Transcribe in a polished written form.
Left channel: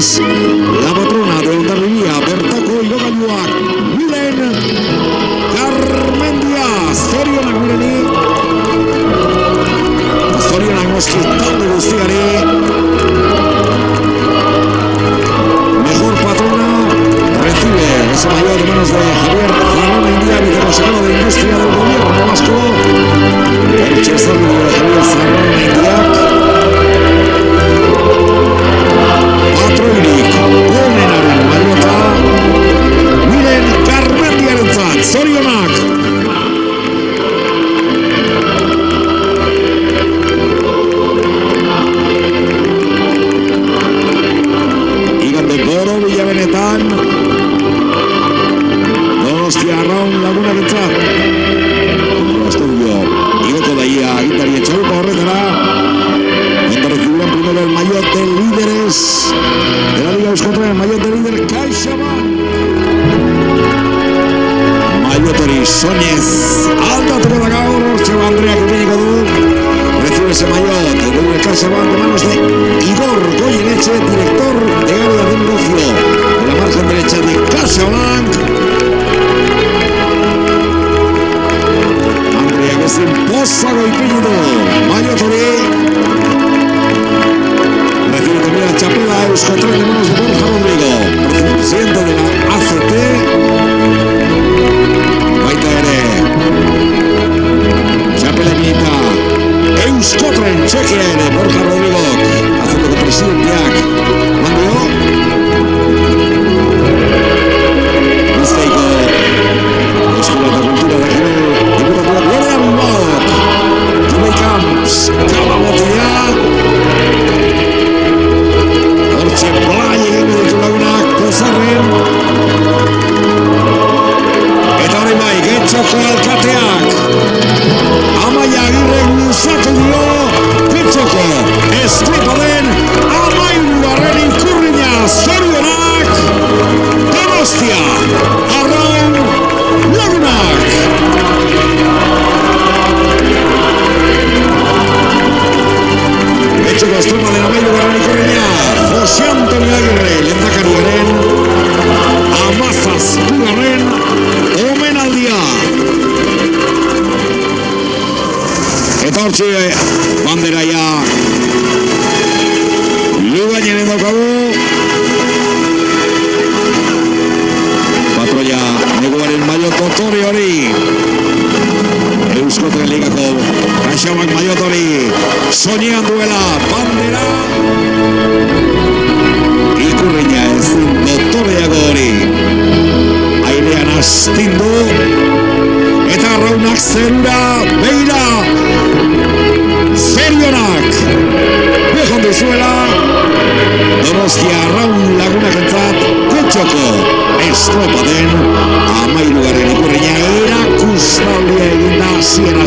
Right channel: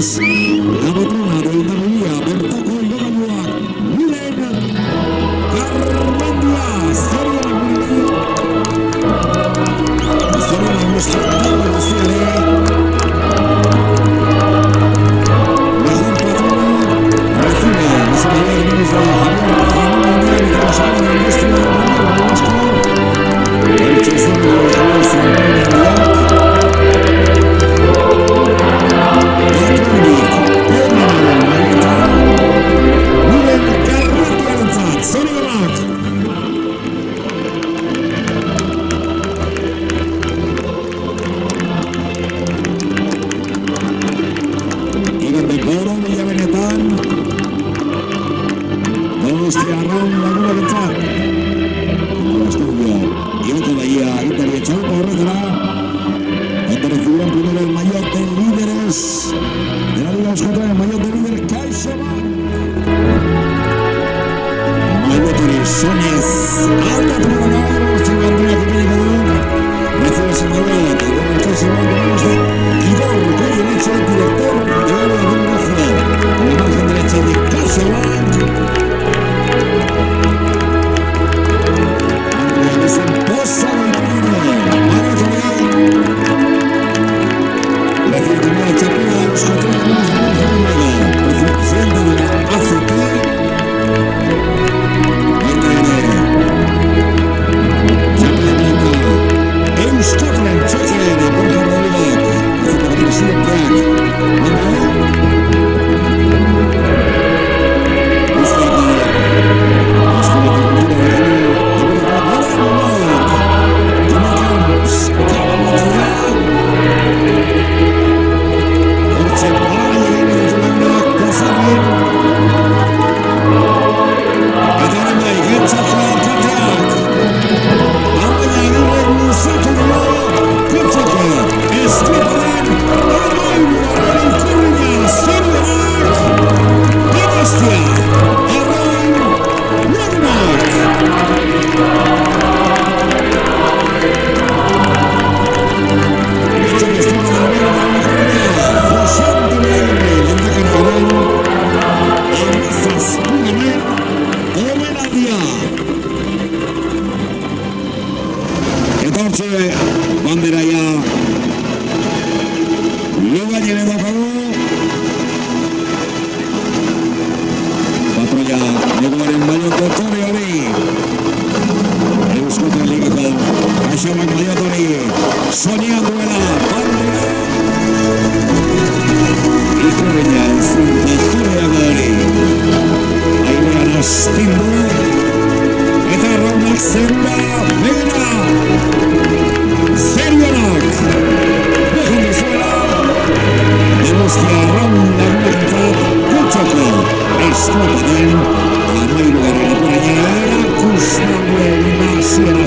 Beraz, la patrona de Hondarribia, bertako igogailuak, Milen Garmendia, zorionak mireni, zorionak noski talde guztiari, mejor patrona, recibe ese mayor de manos de Javier Garmendia, vicerrector de Industria del Gobierno Vasco, el chestorno de Javier Garmendia, Patronik, Ponenaren maiota, Miren Garmendiarentzat, zorionak! Igande Boro Villabenetan, Donostia Arraun Lagunarentzat, igoko daia agintari etxaluko horretara, donde recibirán primero el maillot de líderes de la Liga Euskotren, el maillot de líder CaixaBank. Maillot hori soñez aldatu da gaur, Hortxe Andreak ipiniko du. Recibe ese maillot del CaixaBank de manos de Igor Goyeneche, director de área de negocio en la margen derecha de CaixaBank. Andreak ezen pozago ipiniko maillot hori. Recibe también la chapela Euskotren de manos de Borja Rodrigo, presidente de la ACT. Baita ere, chapela milita Euskotren txekia ere Borja Rodrigo, ACT presidenteak. Mandio? Bizkaiko Euskara eta Kultura da gero, diputatuak Gloria Bilbao, Jimmy Camps, Kabalotea, Hortxe plai egin ditu lagunak Kozarren. Eta hori bai, Getxoko alkateak Amaia Agirre luzatu dio Getxoko estriparen amairugarren ikurrina, zorionak Donostia Arraun Lagunak. Getxoko estriparen amairugarren ikurrina Jose Antonio Agirre, lehendakariaren amazazpugarren omenaldia. Eta hortxe banderaia lugainen daukagu. Patroia neguaren maiot otore hori. Euskotren Ligako CaixaBank maiot hori soñean duela bandera. Ikurrina ezin dotoreago hori airean astindu eta arraunak zerura begira. Zorionak behon dizuela Donostia Arraun Lagunakentzat Getxoko estropaden amairugarren ikurrina erakustaldia egin da hasiera